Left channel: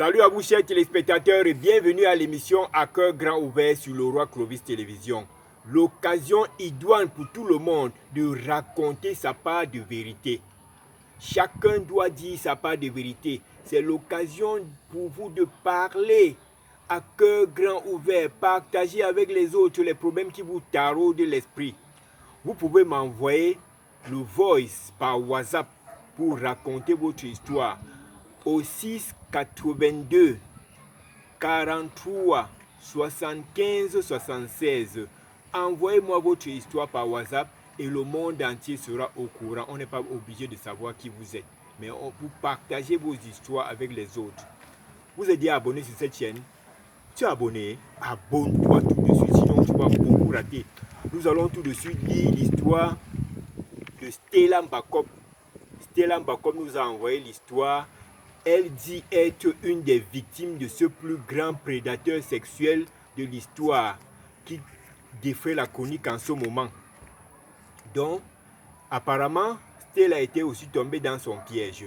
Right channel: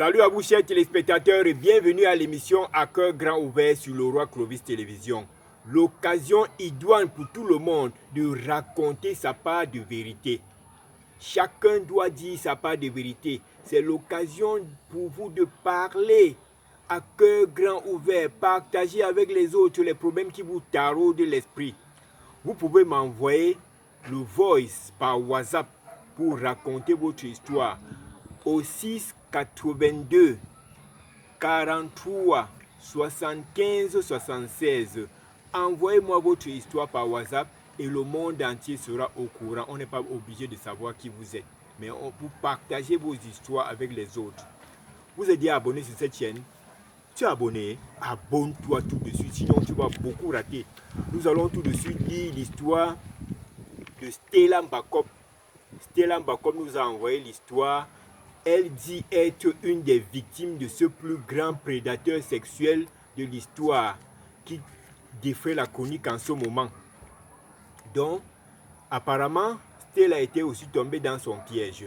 Salut à vous chers téléspectateurs et bienvenue à l'émission À cœur grand ouvert sur le Roi Clovis Télévision. L'occasion idoine pour tout le monde de raconter sa part de vérité. Chacun doit dire sa part de vérité. C'est l'occasion pour vous de parler à cœur grand ouvert, partager avec les autres les problèmes qui vous taraudent l'esprit. Vous pouvez m'envoyer le voice par WhatsApp pour raconter votre histoire au 6 82 43 75 76. Envoyez-moi votre histoire par WhatsApp et le monde entier sera au courant. On n'est pas obligé de savoir qui vous êtes, mais vous partagez vos histoires avec les autres. Vous êtes déjà abonné sur cette chaîne? Tu es abonné? Abonne-toi tout de suite, sinon tu vas beaucoup rater. Nous allons tout de suite lire l'histoire de Stella Mbakop. Stella Mbakop nous a envoyé l'histoire. Elle dit être une des victimes de ce plus grand prédateur sexuel de l'histoire qui défait la chronique en ce moment. Donc, apparemment, Stella était aussi tombée dans son piège.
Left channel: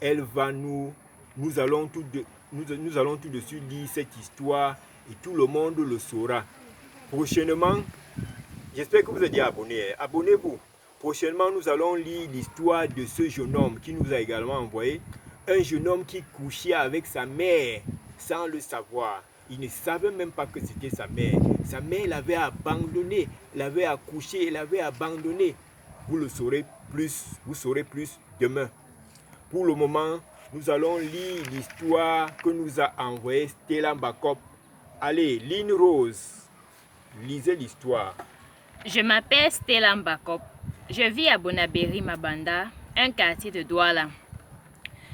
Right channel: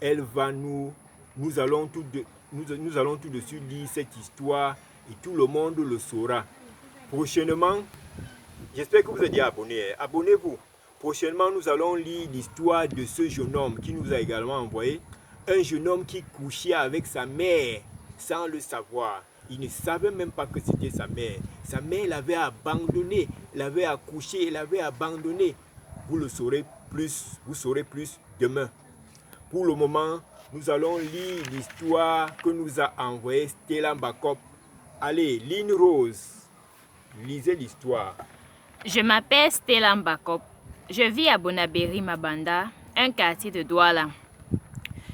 Nous allons tout de suite lire cette histoire et tout le monde le saura. Prochainement, j'espère que vous êtes déjà abonnés. Abonnez-vous. Prochainement, nous allons lire l'histoire de ce jeune homme qui nous a également envoyé. Un jeune homme qui couchait avec sa mère sans le savoir. Il ne savait même pas que c'était sa mère. Sa mère l'avait abandonné, l'avait accouché, l'avait abandonné. Vous saurez plus demain. Pour le moment, nous allons lire l'histoire que nous a envoyée Stella Mbakop. Allez, Lynn Rose, lisez l'histoire. Je m'appelle Stella Mbakop. Je vis à Bonaberi Mabanda, un quartier de Douala.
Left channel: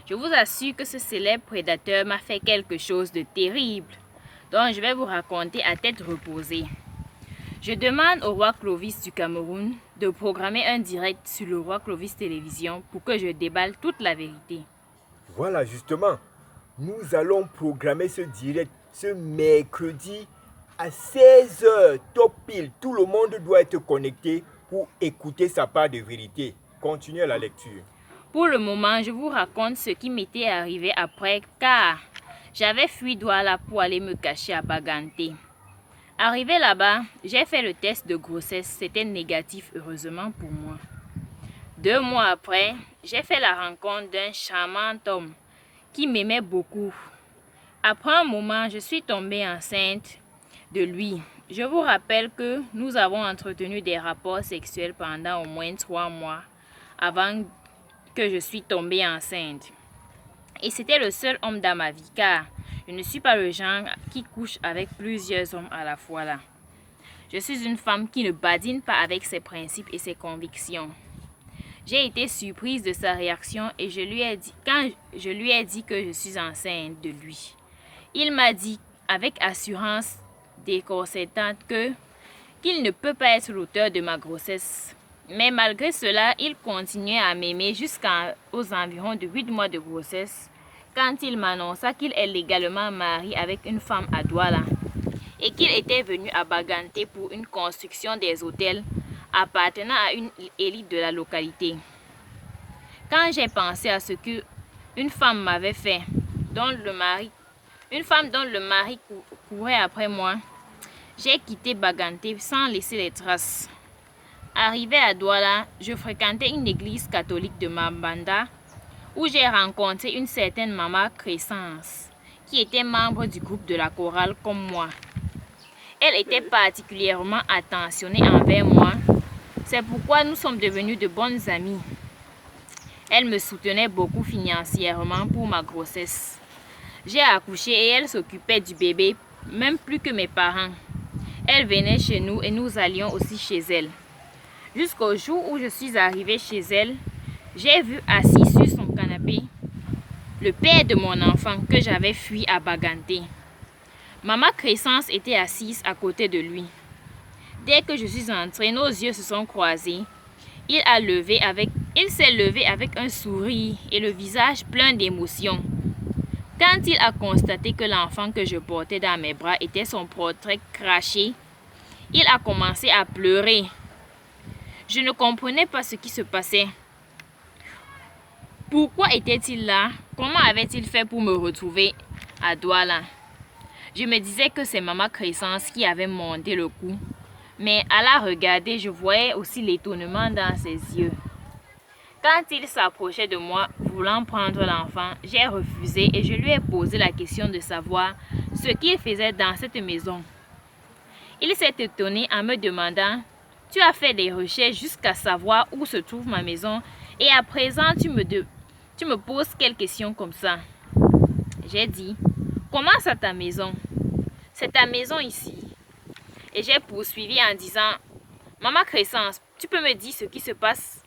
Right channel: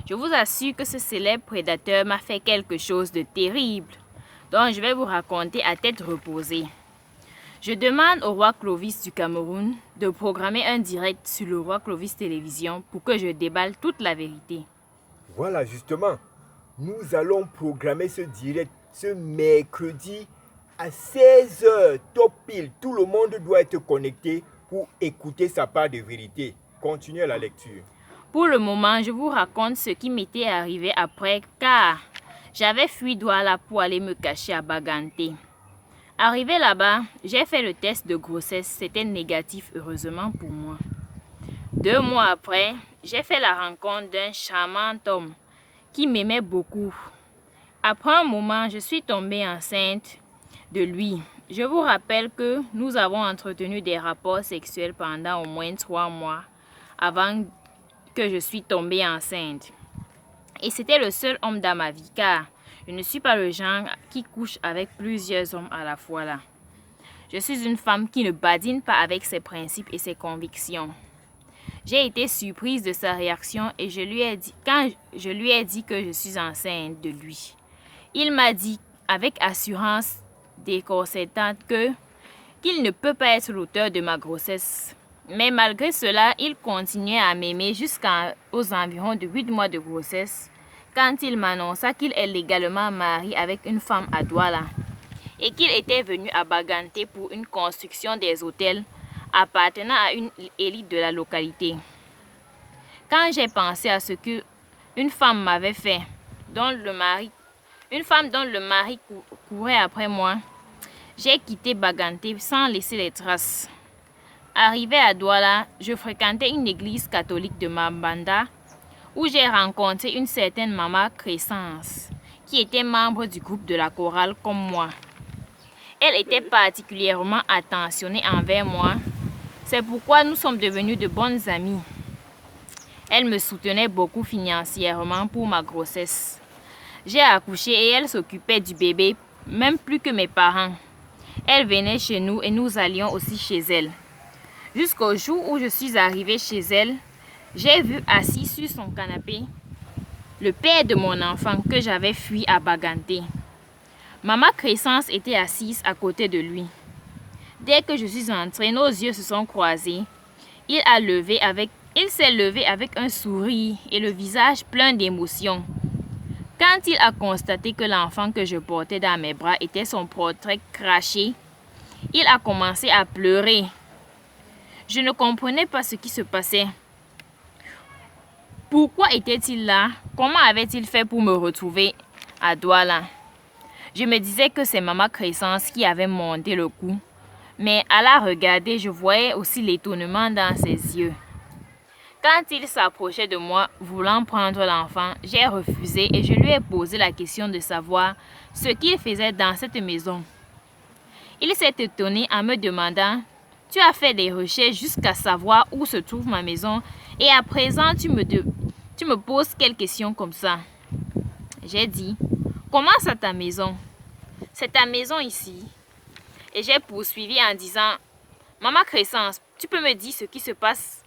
Je vous assure que ce célèbre prédateur m'a fait quelque chose de terrible, dont je vais vous raconter à tête reposée. Je demande au roi Clovis du Cameroun de programmer un direct sur le Roi Clovis Télévision pour que je déballe toute la vérité. Voilà, justement, nous allons programmer ce direct ce mercredi à 16h, top pile. Tout le monde doit être connecté pour écouter sa part de vérité. Continuez la lecture. Pour le moment, je vous raconte ce qui m'était arrivé après, car j'avais fui Douala pour aller me cacher à Baganté. Arrivé là-bas, j'ai fait le test de grossesse. C'était négatif, heureusement pour moi. 2 mois après, j'ai fait la rencontre d'un charmant homme qui m'aimait beaucoup. Après un moment, je suis tombée enceinte de lui. Je vous rappelle que nous avons entretenu des rapports sexuels pendant au moins 3 mois avant que je suis tombée enceinte. Et c'était le seul homme dans ma vie, car je ne suis pas le genre qui couche avec plusieurs hommes à la fois là. Je suis une femme qui ne badine pas avec ses principes et ses convictions. J'ai été surprise de sa réaction et quand je lui ai dit que je suis enceinte de lui. Il m'a dit avec assurance déconcertante qu'il ne peut pas être l'auteur de ma grossesse. Mais malgré cela, il continuait à m'aimer jusqu'aux environs de 8 mois de grossesse, quand il m'annonça qu'il est légalement marié avec une femme à Douala et qu'il était venu à Baganté pour une construction des hôtels appartenant à une élite de la localité. Quand j'ai pensé à ce qu'une femme m'avait fait, une femme dont le mari courait après moi, j'ai quitté Baganté sans laisser les traces. Arrivé à Douala, je fréquentais une église catholique de Mabanda où j'ai rencontré une certaine maman Crescence qui était membre du groupe de la chorale comme moi. Elle était particulièrement attentionnée envers moi. C'est pourquoi nous sommes devenus de bonnes amies. Elle me soutenait beaucoup financièrement pour ma grossesse. J'ai accouché et elle s'occupait du bébé, même plus que mes parents. Elle venait chez nous et nous allions aussi chez elle. Jusqu'au jour où je suis arrivée chez elle, j'ai vu assis sur son canapé le père de mon enfant que j'avais fui à Baganté. Maman Crescence était assise à côté de lui. Dès que je suis entrée, nos yeux se sont croisés. Il s'est levé avec un sourire et le visage plein d'émotion. Quand il a constaté que l'enfant que je portais dans mes bras était son portrait craché, il a commencé à pleurer. Je ne comprenais pas ce qui se passait. Pourquoi était-il là? Comment avait-il fait pour me retrouver à Douala. Je me disais que c'est Maman Crescence qui avait monté le coup, mais à la regarder, je voyais aussi l'étonnement dans ses yeux. Quand il s'approchait de moi, voulant prendre l'enfant, j'ai refusé et je lui ai posé la question de savoir ce qu'il faisait dans cette maison. Il s'est étonné en me demandant « Tu as fait des recherches jusqu'à savoir où se trouve ma maison et à présent tu me poses quelles questions comme ça ?» J'ai dit « Comment ça ta maison? C'est ta maison ici. » Et j'ai poursuivi en disant « Maman Crescence, tu peux me dire ce qui se passe?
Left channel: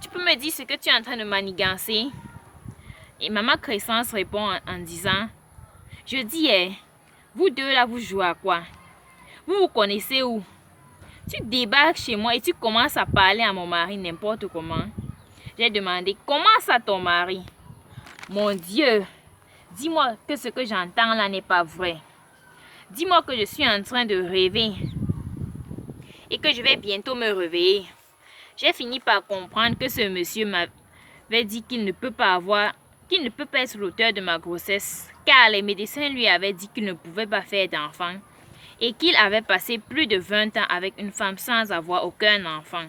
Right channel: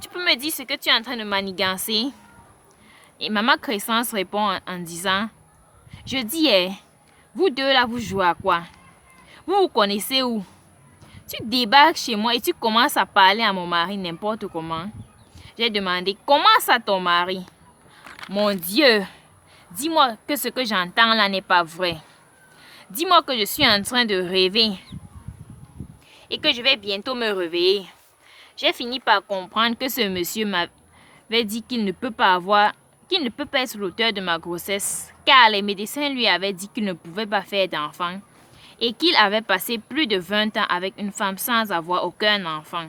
Tu peux me dire ce que tu es en train de manigancer? » Et Maman Crescence répond en disant « Je dis, vous deux là, vous jouez à quoi? Vous vous connaissez où? Tu débarques chez moi et tu commences à parler à mon mari n'importe comment. » J'ai demandé « Comment ça ton mari? » Mon Dieu, dis-moi que ce que j'entends là n'est pas vrai. Dis-moi que je suis en train de rêver et que je vais bientôt me réveiller. J'ai fini par comprendre que ce monsieur m'avait dit qu'il ne peut pas être l'auteur de ma grossesse, car les médecins lui avaient dit qu'il ne pouvait pas faire d'enfant et qu'il avait passé plus de 20 ans avec une femme sans avoir aucun enfant.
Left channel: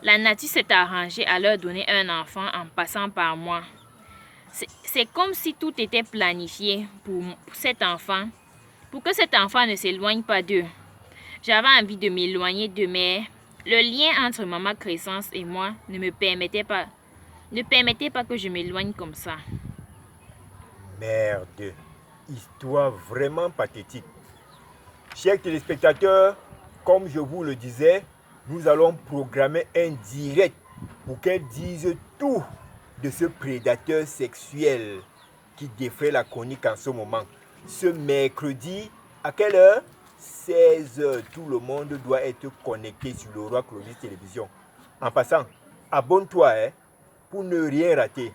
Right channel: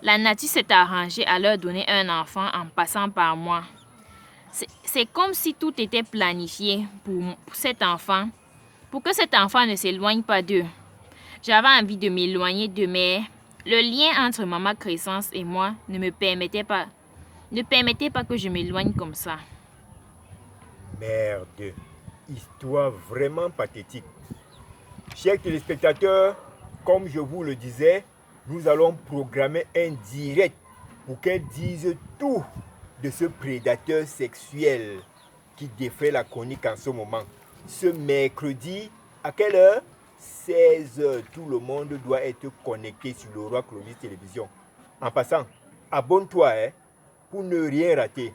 La nature s'est arrangée à leur donner un enfant en passant par moi. C'est comme si tout était planifié pour cet enfant, pour que cet enfant ne s'éloigne pas d'eux. J'avais envie de m'éloigner d'eux, mais le lien entre Maman Crescence et moi ne permettait pas que je m'éloigne comme ça. Merde, histoire vraiment pathétique. Chers téléspectateurs, comme je vous le disais, nous allons programmer un direct pour qu'elle dise tout de ce prédateur sexuel qui défait la chronique en ce moment. Ce mercredi, à quelle heure? 16h. Tout le monde doit être connecté sur le Roi Clovis Télévision. En passant, abonne-toi pour ne rien rater.